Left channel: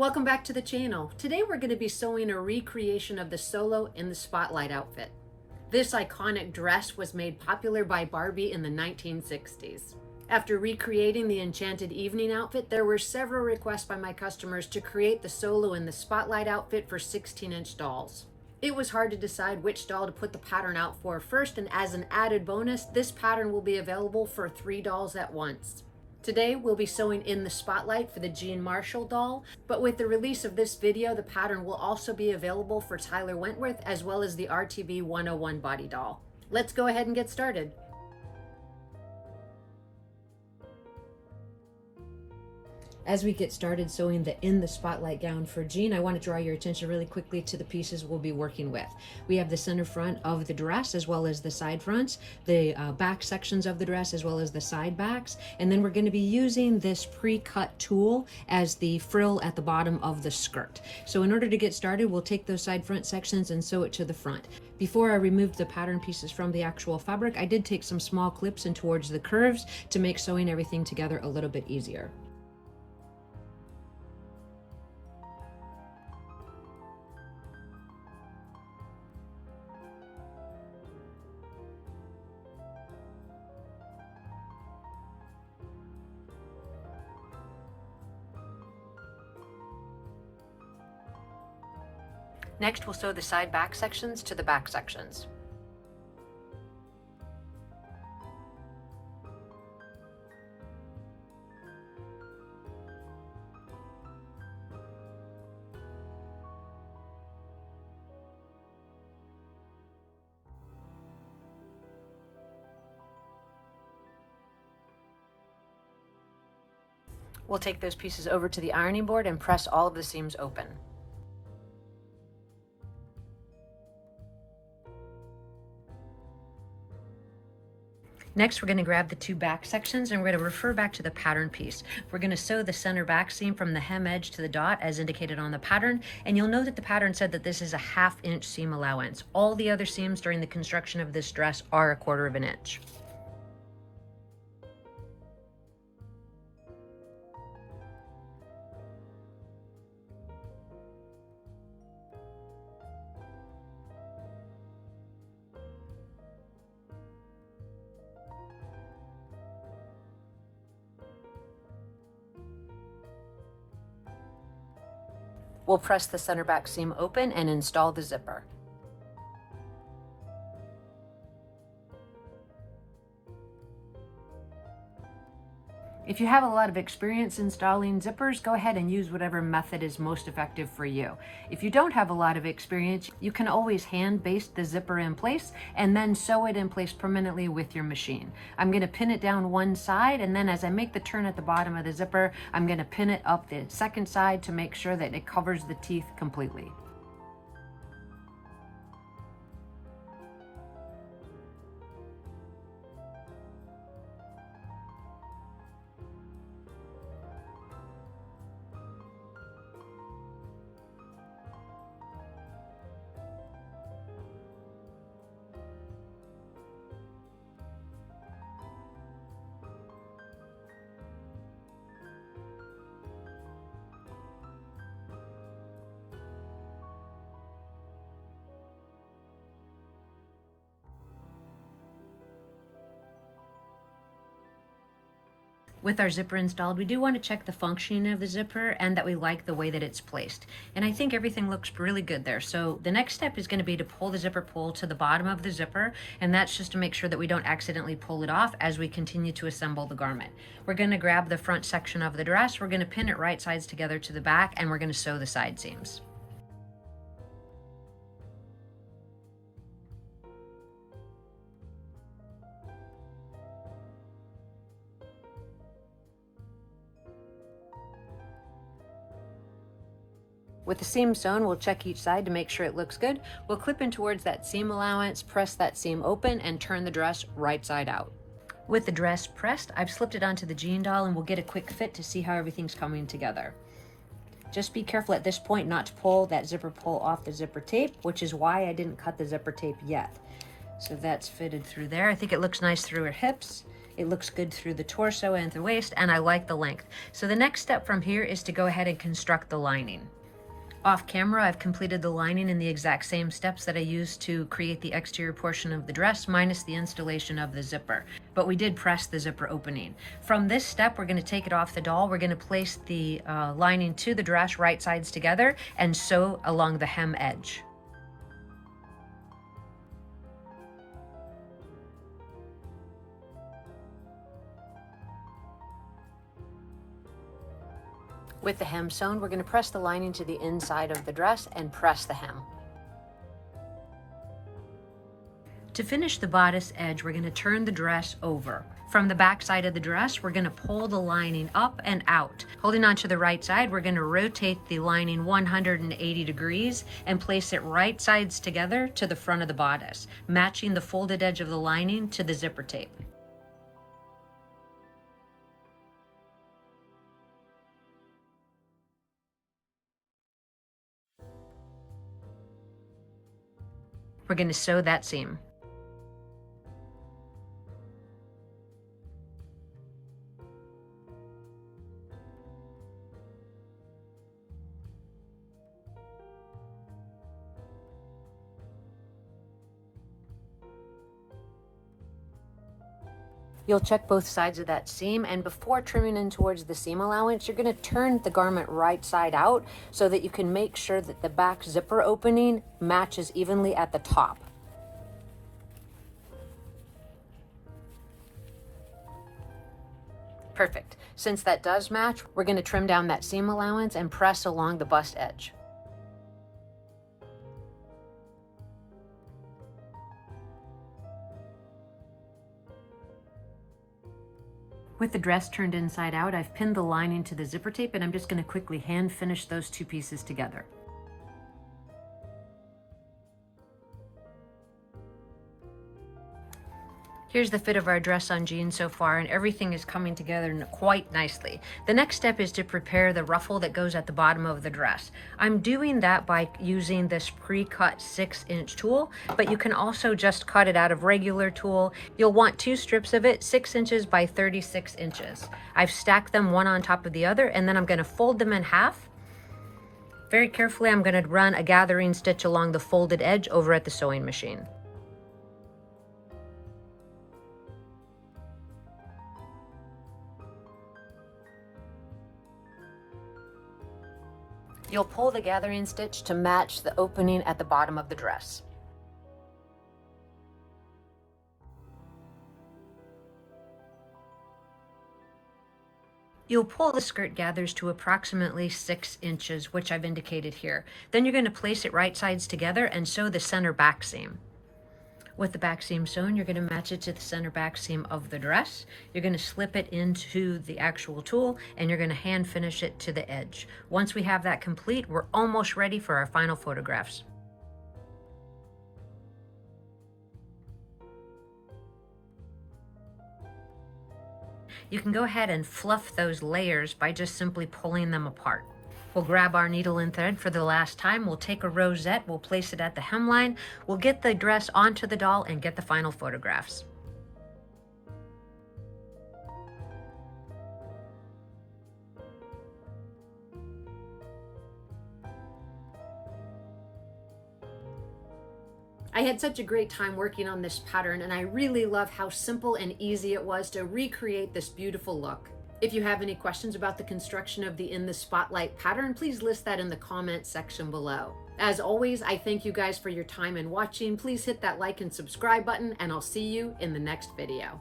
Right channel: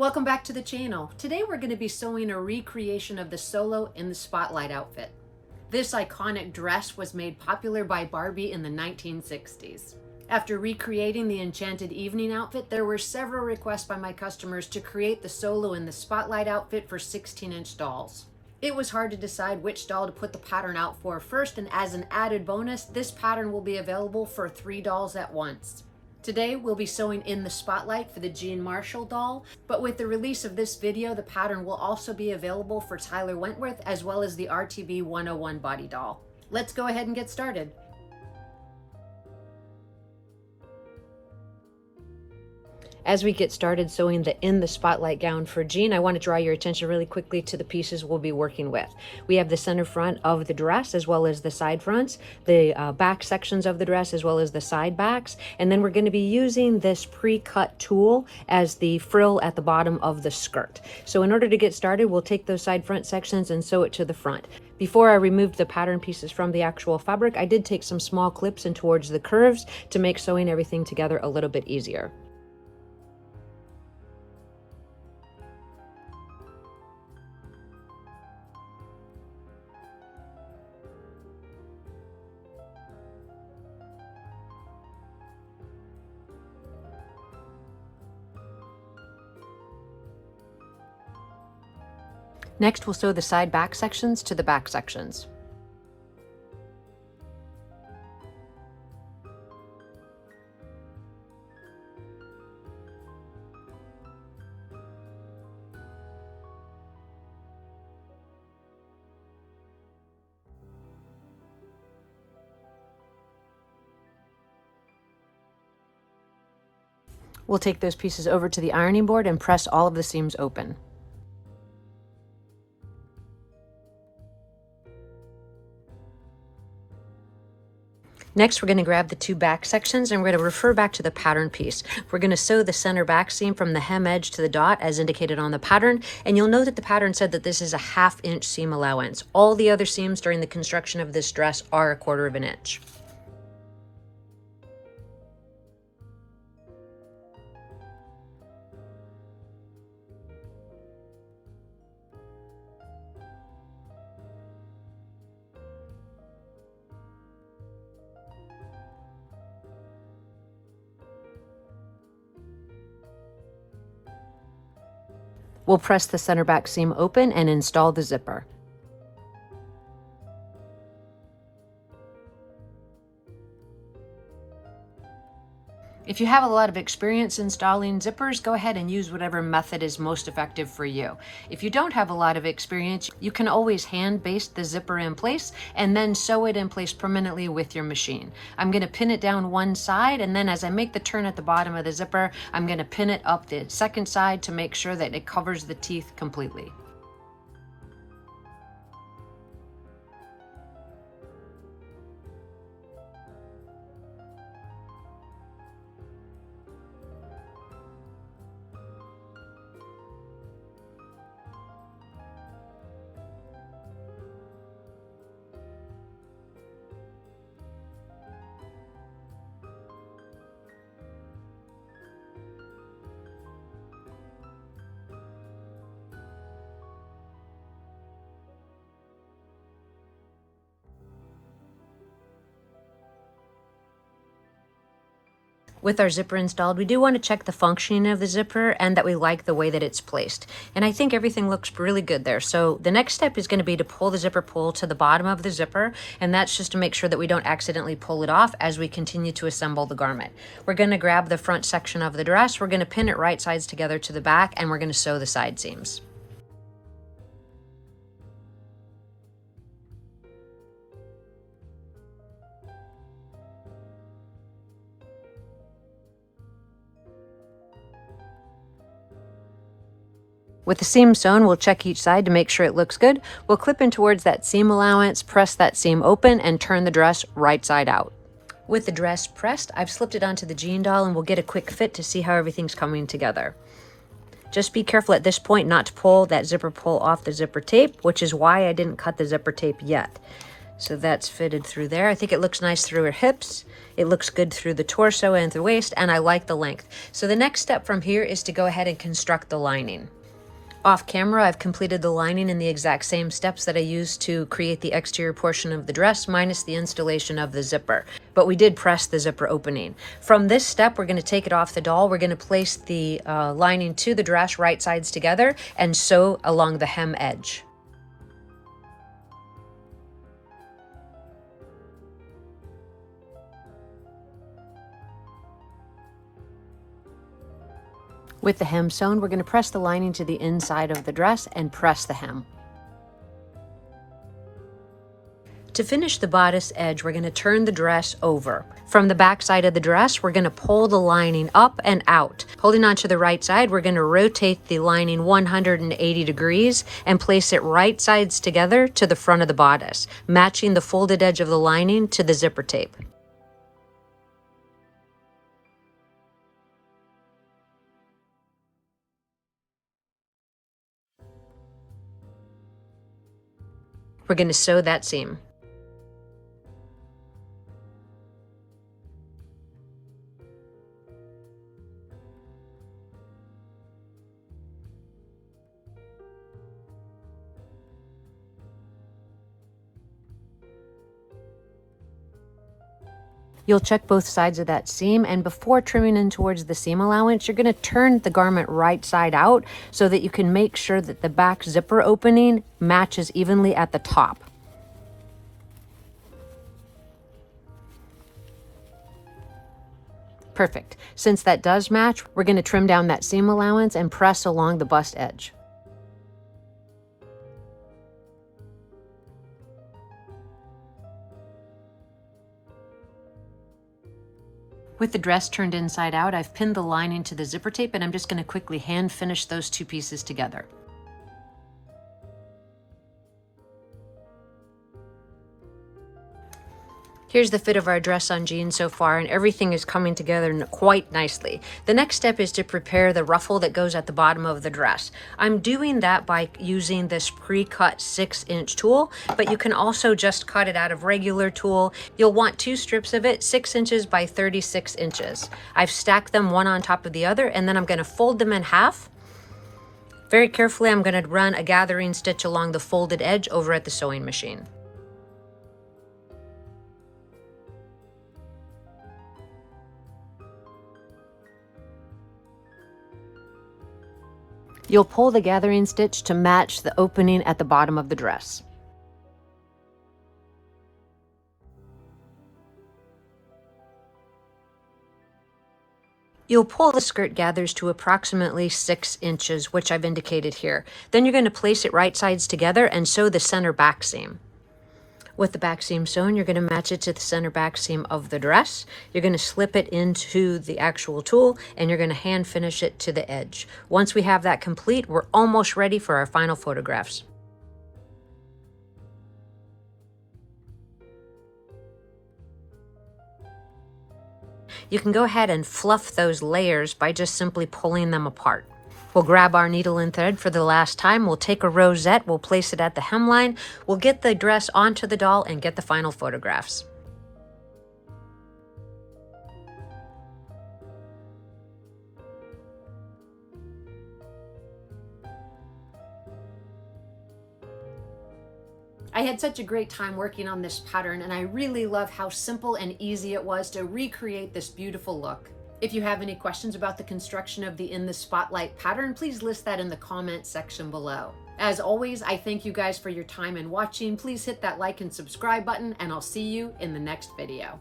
Welcome back to the channel. Today we're going to be sewing a recreation of the Solo in the Spotlight outfit. This iconic dress was made popular by Barbie in the 1960s. After recreating the Enchanted Evening outfit, there were several requests by my customers to create the Solo in the Spotlight outfit for 16-inch dolls. It was hard to decide which doll to put the pattern out for first, and as an added bonus, this pattern will be available for 3 dolls at once. Today we'll be sewing in the Spotlight for the Jean Marshall doll, but with the release of this video, the pattern will also be available for Tyler Wentworth as well as the RTB 101 body doll. Let's go ahead and get started. As we get started sewing the In the Spotlight gown for Jean, I want to draw your attention really quickly to the pieces we'll be working with. We have the center front of the dress as well as the side fronts, the back sections of the dress as well as the side backs, and then we're going to be using this pre-cut tool as the frill at the bottom of the skirt. So in order to get started, we'll take those side front sections and sew it to the front. Before I removed the pattern pieces from the actual fabric, I did take some small clips in towards the curves to make sewing everything together a little bit easier. Next, we'll sew the side back sections to the back sections. We'll take those pieces over to the ironing board and press all of the seams open. Next, we're going to grab the 2 back sections and we're going to refer back to the pattern piece. We're going to sew the center back seam from the hem edge to the dot as indicated on the pattern, and you'll note that the pattern said that this is a 1/2 inch seam allowance. All the other seams during the construction of this dress are 1/4 inch. We'll press the center back seam open and install the zipper. If you have a lot of experience installing zippers, go ahead and use whatever method is most effective for you. If you don't have a lot of experience, you can always hand baste the zipper in place and then sew it in place permanently with your machine. I'm going to pin it down one side, and then as I make the turn at the bottom of the zipper, I'm going to pin it up the second side to make sure that it covers the teeth completely. With our zipper installed, we do want to check the functioning of the zipper and that we like the way that it's placed. And I think everything looks really good there. So the next step is going to be to pull the zipper pull to the bottom of the zipper, and that's just to make sure that we don't accidentally pull it off as we continue to assemble the garment. We're going to grab the front section of the dress, we're going to pin it right sides together to the back, and we're going to sew the side seams. With the seam sewn, we'll check each side to make sure it looks good. We'll clip in towards that seam allowance, press that seam open, and turn the dress right side out. With the dress pressed, I've slipped it onto the Jean doll, and we'll get a quick fit to see how everything's coming together. Just be careful at this point not to pull that zipper pull off the zipper tape, which is why I didn't cut the zipper tape yet. So that's fitted through there. I think it looks nice through her hips. It looks good through the torso and the waist, and I like the length. So the next step from here is to go ahead and construct the lining. Off camera, I've completed the lining in the exact same steps that I used to create the exterior portion of the dress, minus the installation of the zipper. But we did press the zipper opening. From this step, we're going to take it off the doll. We're going to place the lining to the dress right sides together and sew along the hem edge. With the hem sewn, we're going to press the lining to the inside of the dress and press the hem. To finish the bodice edge, we're going to turn the dress over. From the back side of the dress, we're going to pull the lining up and out. Holding on to the right side, we're going to rotate the lining 180 degrees and place it right sides together to the front of the bodice, matching the folded edge of the lining to the zipper tape. We're going to sew that seam. You'll check both sides of that seam, and before trimming in towards the seam allowance, you're going to turn the garment right side out so that you can make sure that the back zipper opening matches evenly at the top. Perfect. Since that does match, we're going to trim down that seam allowance and press along the bust edge. With the dress turned inside out, I've pinned the lining to the zipper tape, and I'm just going to quickly hand finish those two pieces together. Here's the fit of our dress on jeans so far, and everything is coming together quite nicely. The next step is to prepare the ruffle that goes at the bottom of the dress. I'm doing that by using this pre-cut 6-inch tool, but you can also just cut it out of regular tool. You'll want 2 strips of it, 6 inches by 36 inches. I've stacked them one on top of the other, and then I'm going to fold them in half. Very carefully, I'm going to run a gathering stitch along the folded edge over at the sewing machine. You'll pull the gathering stitch to match the opening at the bottom of the dress. You'll pull the skirt gathers to approximately 6 inches, which I've indicated here. Then you're going to place it right sides together and sew the center back seam. With the back seam sewn, you're going to match it to the center back seam of the dress. You're going to slip it into the actual tool, and you're going to hand finish it to the edge. Once we have that complete, we're almost ready for our final photographs. You can go ahead and fluff those layers by just simply pulling them apart. We'll grab our needle and thread for the last time. We'll take a rosette, we'll place it at the hemline, we'll get the dress onto the doll and get the final photographs. I had such a great time working on this pattern, and I really love how simple and easy it was to recreate this beautiful look. If you have any questions about the construction of the In the Spotlight pattern, please list that in the comments section below. As always, I thank you guys for your time and watching. Please hit that like and subscribe button, and I'll see you in the next video.